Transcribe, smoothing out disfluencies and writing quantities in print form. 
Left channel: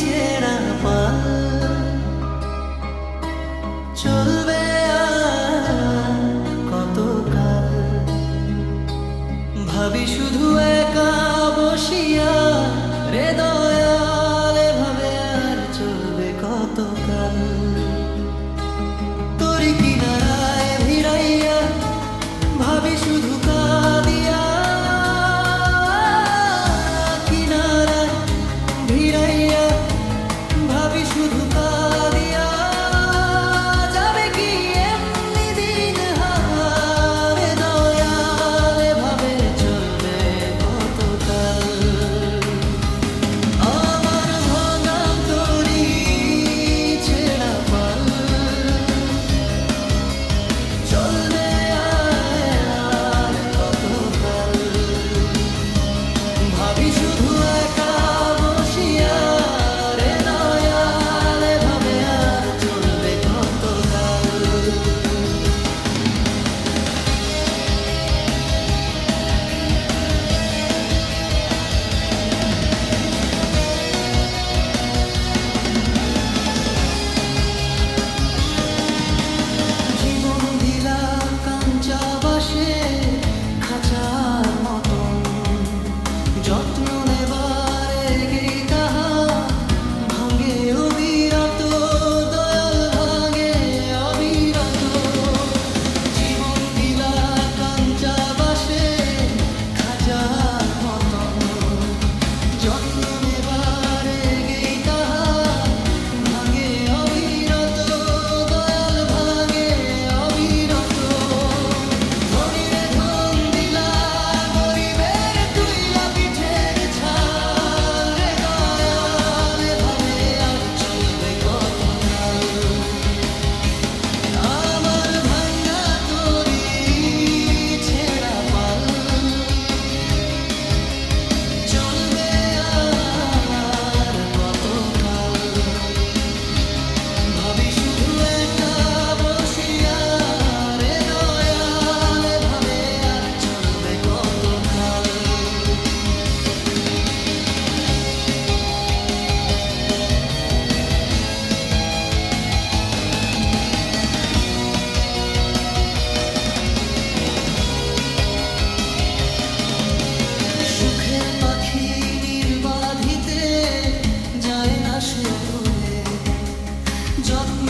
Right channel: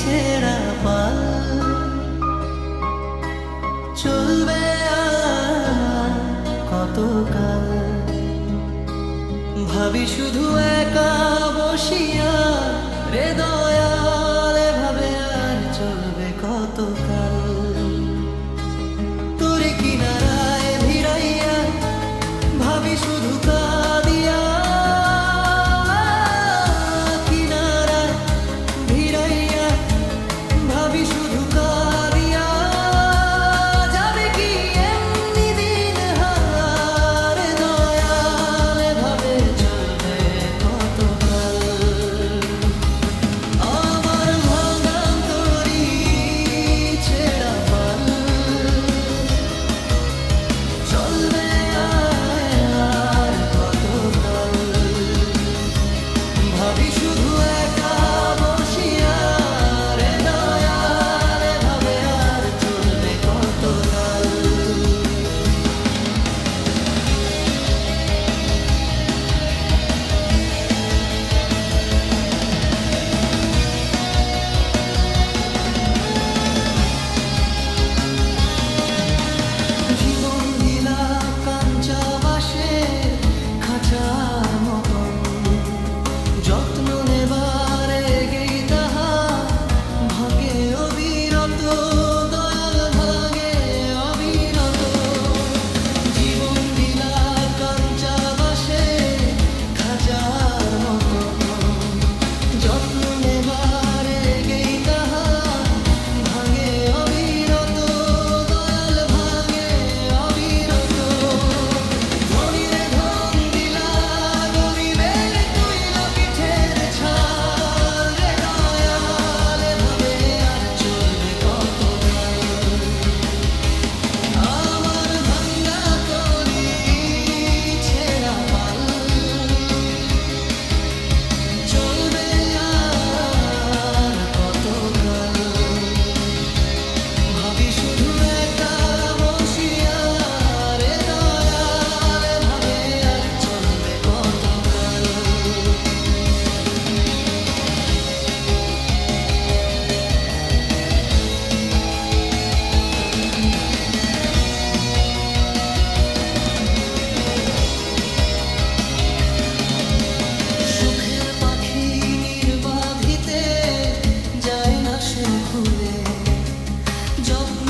ছেঁড়া পাল চলবে আর কতকাল। ভাবি শুধু একা বসিয়া রে দয়াল, এভাবে আর চলবে কতকাল। তোরে কিনারায় ভিড়াইয়া ভাবি শুধু কাঁদিয়া, কিনারায় ভিড়াইয়া ভাবি শুধু কাঁদিয়া, যাবে কি এমনি দিন হার দয়াল, এভাবে চলবে কতকাল। আমার ভাঙা তরি ছেঁড়া পাল চলবে আর কতকাল। ভাবি শুধু একা বসিয়া রে দয়াল, এভাবে আর চলবে কতকাল। জীবন দিলা কাঞ্চা বাঁশের খাঁচার মতন, যত্ন নেবার গেই তাহা ভাঙে অবিরত দয়াল, ভাঙে অবিরত। জীবন দিলা কাঞ্চা বাঁশের খাঁচার মতন, যত্ন নেবার গেই তাহা ভাঙে অবিরত দয়াল, ভাঙে অবিরত। ধনীরে ধন দিলা, গরিবের তুইলা পিঠের ছাল রে দয়াল, এভাবে আর চলবে কতকাল। আমার ভাঙা তরি ছেঁড়া পাল চলবে আর কতকাল। ভাবি শুধু একা বসিয়া রে দয়াল, এভাবে আর চলবে কতকাল। সুখের পাখি নির্বাধিতে যায় না সে ভুলে, যত্ন